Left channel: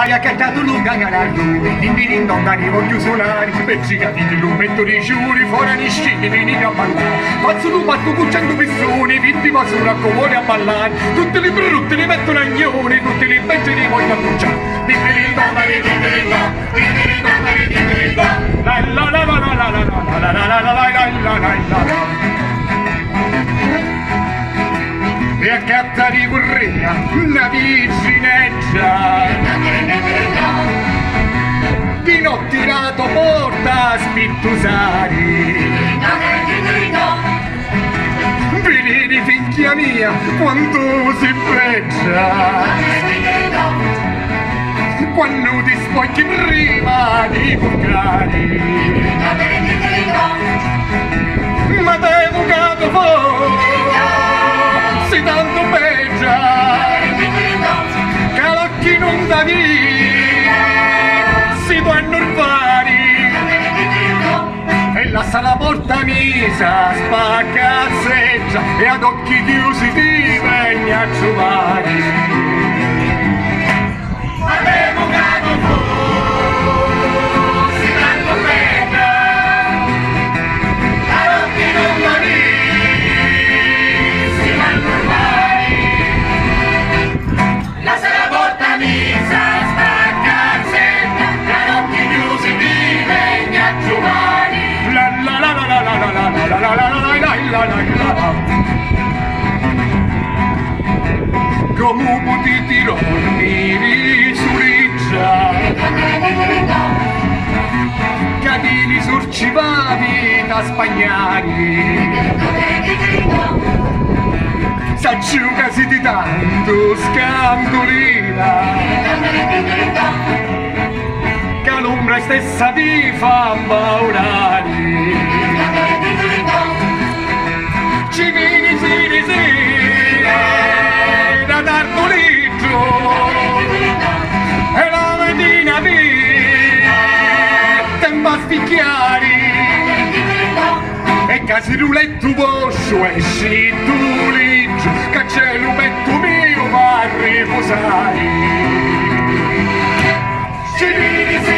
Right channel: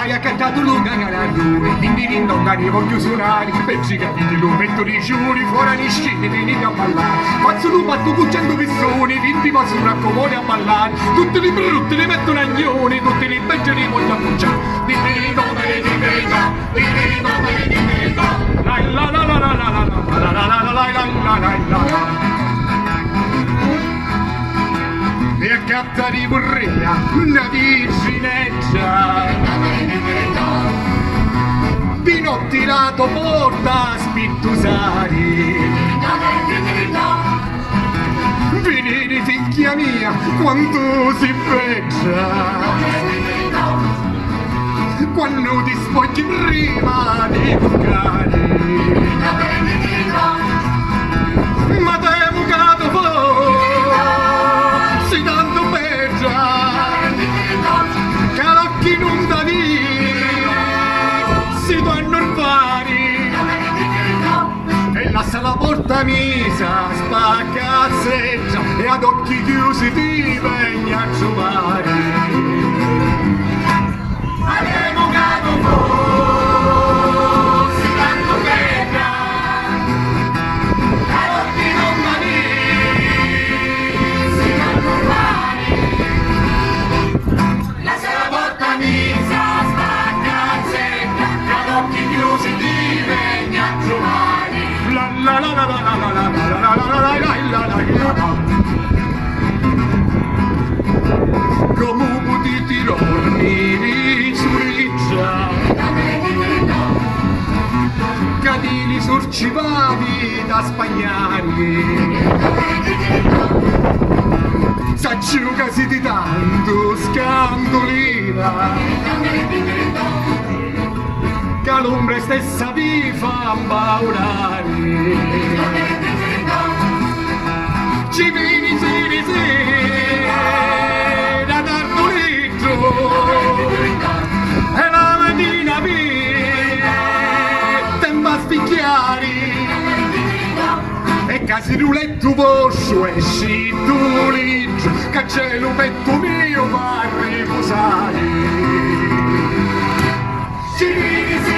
hai accattato lunga canaglione, dimmi non voglio suonare, beccicati di lumetto di giuri, fuori gli scini, venite a ballare, faccio un patto con 100 persone, 20 masura comune a ballare, tutti li brutti li mettono agnoni, tutti li becci li voglio annunciare, dimmi non la la la la la la la la la la la la. E accatta di burria una virgineggia di notti tirato porta a spittusari vedi figlia mia quando si freccia quando ti spogli prima di bucari ma te bucato fuori si tanto peggia che l'occhi non da via si danno il pari e lascia la porta misa spaccazzeggia e ad occhi chiusi ti venni a giovare come potete dormire su riccia cadili sorcivavi da spagnari s'aggiugasi di tanto scandolina che l'ombra stessa vi fa impaurare ci vieni sì da Tartolito e la mattina tempo a spicchiare e casi ruletto poscio esci tu ligio che c'è l'umetto mio va a riposare ci vieni